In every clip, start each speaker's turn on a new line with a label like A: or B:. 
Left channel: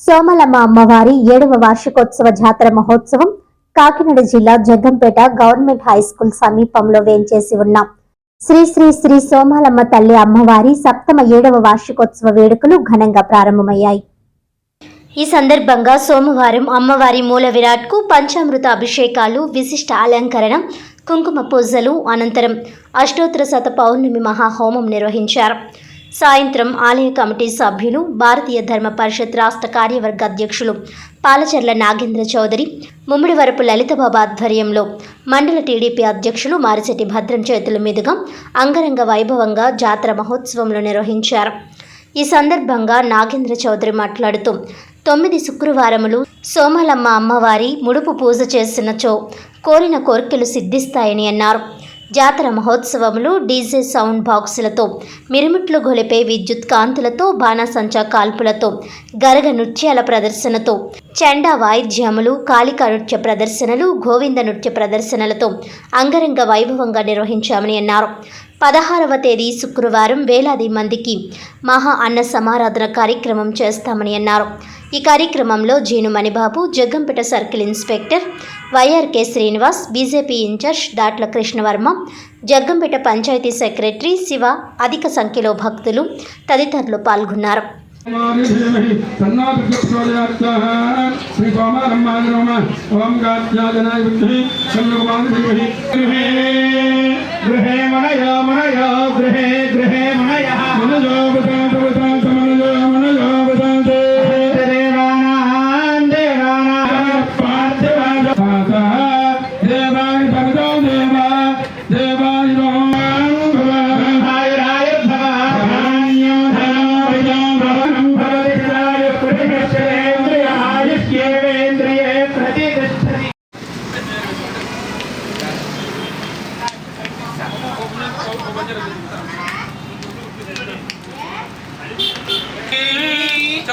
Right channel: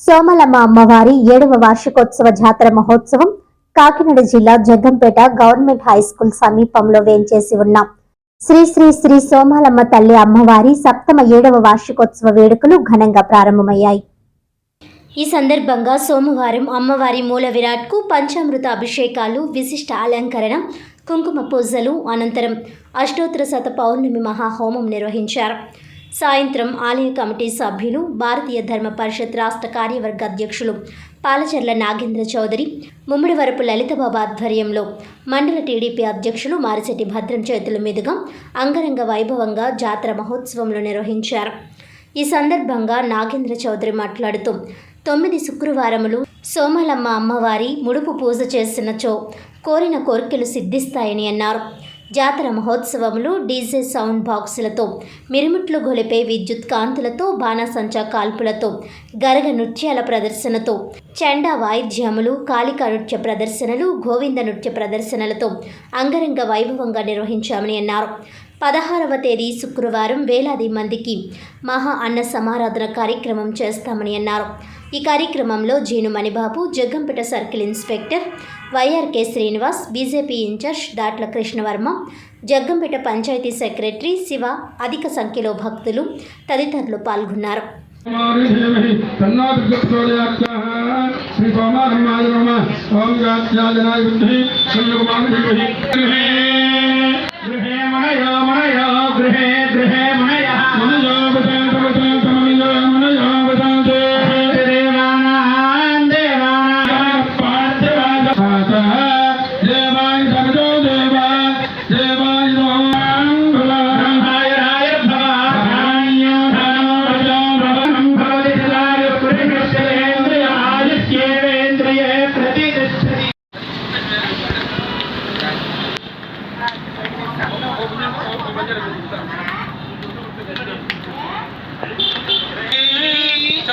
A: సోమలమ్మ అమ్మవారి ఏడవ వార్షికోత్సవ జాతర మహోత్సవం కాకినాడ జిల్లా జగ్గంపేట గవర్నమెంట్ హై స్కూల్ సమీపంలో వేంచేసి ఉన్న. శ్రీ శ్రీ శ్రీ సోమాలమ్మ తల్లి అమ్మవారి సప్తమ ఏడవ వార్షికోత్సవ వేడుకలు ఘనంగా ప్రారంభమయ్యాయి. ఈ సందర్భంగా సోమవారం అమ్మవారి మూల విరాట్కు పంచామృత అభిషేకాలు విశిష్ట అలంకరణ కుంకుమ పూజలు అనంతరం అష్టోత్తర శత పౌర్ణమి మహాహోమం నిర్వహించారు. సాయంత్రం ఆలయ కమిటీ సభ్యులు భారతీయ ధర్మ పరిషత్ రాష్ట్ర కార్యవర్గ అధ్యక్షులు పాలచర్ల నాగేంద్ర చౌదరి ముమ్మిడివరపు లలితబాబు ఆధ్వర్యంలో మండల టీడీపీ అధ్యక్షులు మారిశెట్టి భద్రం చేతుల మీదుగా అంగరంగ వైభవంగా జాతర మహోత్సవంలో నిర్వహించారు. ఈ సందర్భంగా నాగేంద్ర చౌదరి మాట్లాడుతూ తొమ్మిది శుక్రవారములు సోమలమ్మ అమ్మవారి ముడుపు పూజ చేసినచో కోరిన కోరికలు సిద్ధిస్తాయని అన్నారు. జాతర మహోత్సవములు డీజే సౌండ్ బాక్సులతో మిరుమిట్లు గొలిపే విద్యుత్ కాంతులతో బాణసంచా కాల్పులతో గరగ నృత్యాల ప్రదర్శనతో చెండా వాయిద్యములు కాళికా నృత్య ప్రదర్శనలు గోవింద నృత్య ప్రదర్శనలతో అంగరంగ వైభవంగా నిర్వహించామని అన్నారు. పదహారవ తేదీ శుక్రవారం వేలాది మందికి మహా అన్న సమారాధన కార్యక్రమం చేస్తామని అన్నారు. ఈ కార్యక్రమంలో Jeenu Manibabu Jaggampeta circle inspector YRK Srinivas BJP in-charge Datla Krishnavarma Jaggampeta panchayat secretary Shiva అధిక సంఖ్యలో భక్తులు తదితరులు పాల్గొన్నారు.
B: ఓం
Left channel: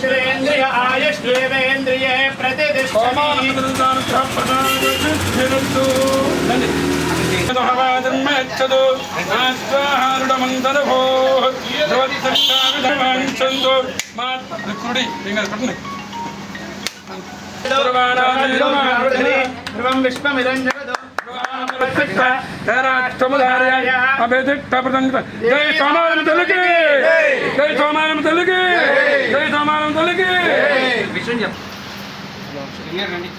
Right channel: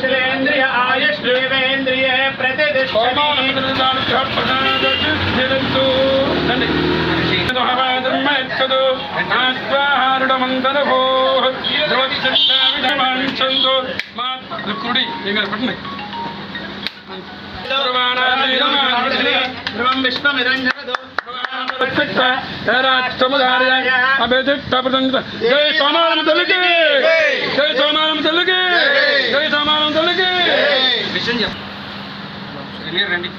C: श्रेन्द्रिय आयश्वेन्द्रिये
B: प्रतिदिष्टमानुदानुग्रहप्रणान्तु जन्मयच्छतु
C: नास्त्वाहारुडमन्दनुभोः भवद्दृष्टाविधमाञ्चन्तु
B: मा दुक्रुडि
C: நீங்கள் பட்டுங்க சர்வாணாதிரமாருடே
B: விஷ்ணுமிரஞ்ச పట్టండి
C: ధ్రువం విశ్వమిదం జగదో
B: జై సోమానం తల్లికి. జై సోమానం తల్లికి. జై సోమానం తల్లికి.
C: విషయం చెప్పు. రండి.